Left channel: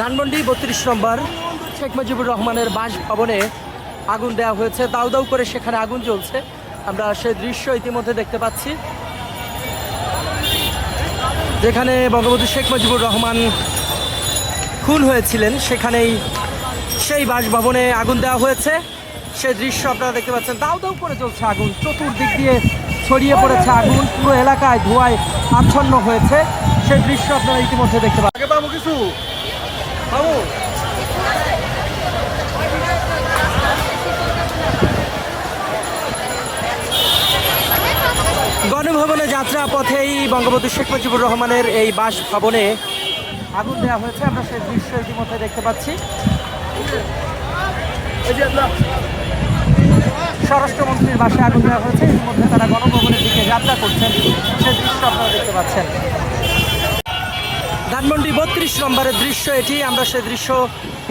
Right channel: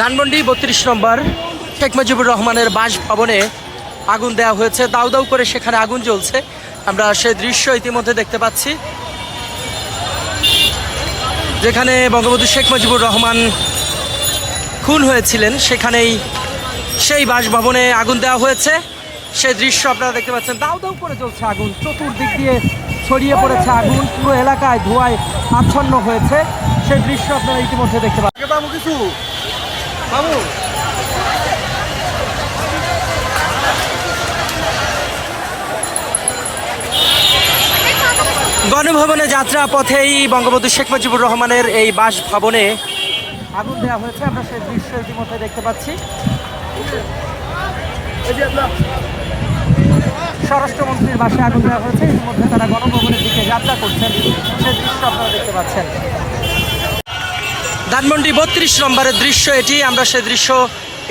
ধানমন্ডি ৩২ নম্বর শেখ মুজিবুর রহমানের বাসভবনে আগুন দেওয়া হয়েছে। দাউ দাউ করে সেখানে আগুন জ্বলছে, আমরা সেই দৃশ্য ইতিমধ্যে দেখতে পাচ্ছি, যেখানে বঙ্গবন্ধু শেখ মুজিবুর রহমান খুন হয়েছিলেন সেখানেই সেই বাসভবনে আগুন দেওয়া হয়েছে। সেই দৃশ্য আপনারা দেখতে পাচ্ছেন, দাউ দাউ করে জ্বলছে আগুন, চতুর্দিক দিয়ে ছড়িয়ে পড়েছে আগুন, পুরো এলাকায় ধোঁয়ায় আচ্ছন্ন হয়েছে। সেই দৃশ্য আপনারা ইতিমধ্যে দেখতে পাচ্ছেন। গণভবনে যাত্রা পথেই বঙ্গবন্ধু শেখ মুজিবুর রহমানের এই বাসভবনে আগুন দেওয়া হয়েছে, আমরা সেই দৃশ্য ইতিমধ্যে দেখতে পাচ্ছি। স্বরাষ্ট্রমন্ত্রীর বাসায় আগুন দেওয়া হয়েছে, ইতিমধ্যে তারা গণভবনের দিকে যাত্রা করছেন, সেই দৃশ্য আপনারা দেখতে পাচ্ছেন। ধানমন্ডি ৩২ নম্বরের দৃশ্য এটি, আমরা সেই দৃশ্য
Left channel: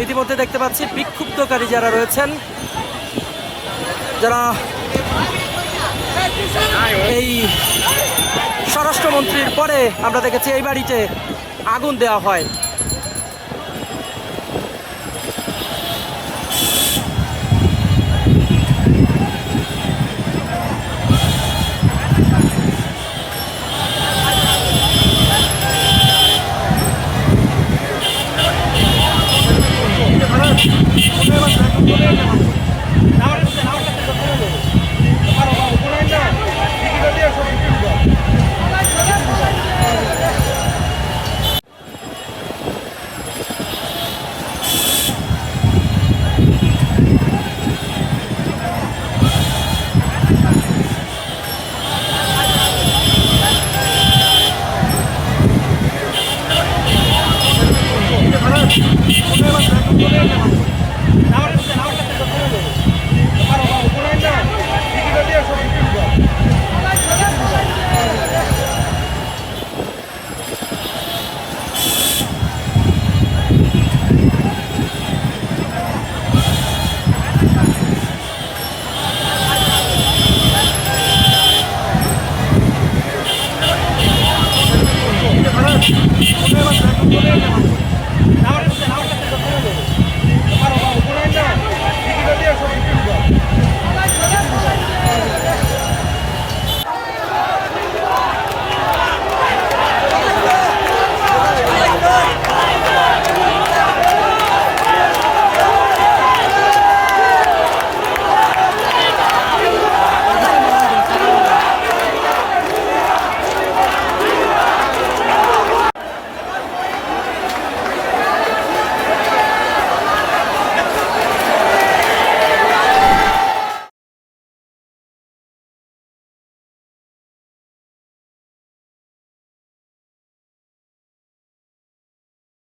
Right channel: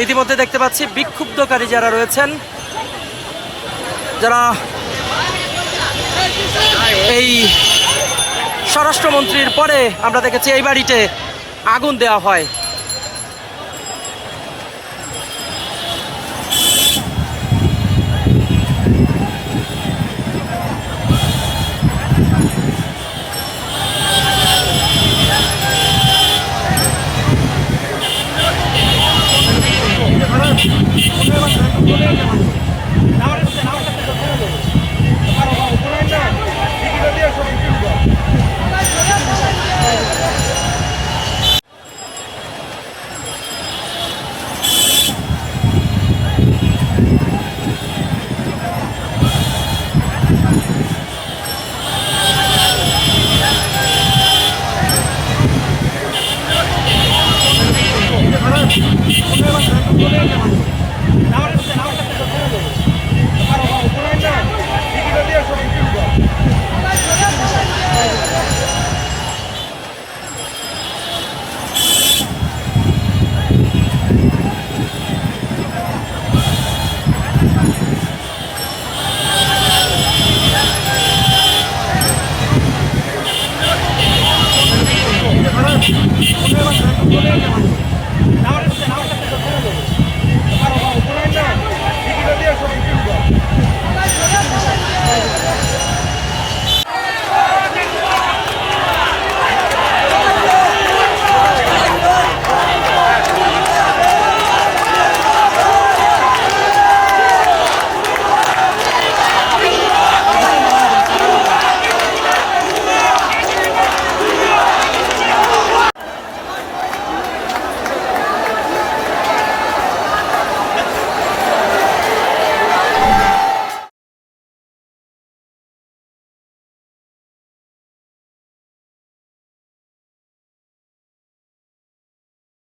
ইতিমধ্যে দেখতে পাচ্ছি। বিক্ষুব্ধকারী যারা রয়েছেন, যারা এই স্বরাষ্ট্রমন্ত্রীর পরে আমরা দেখেছি এই বাড়িতে আগুন দেওয়া হয়।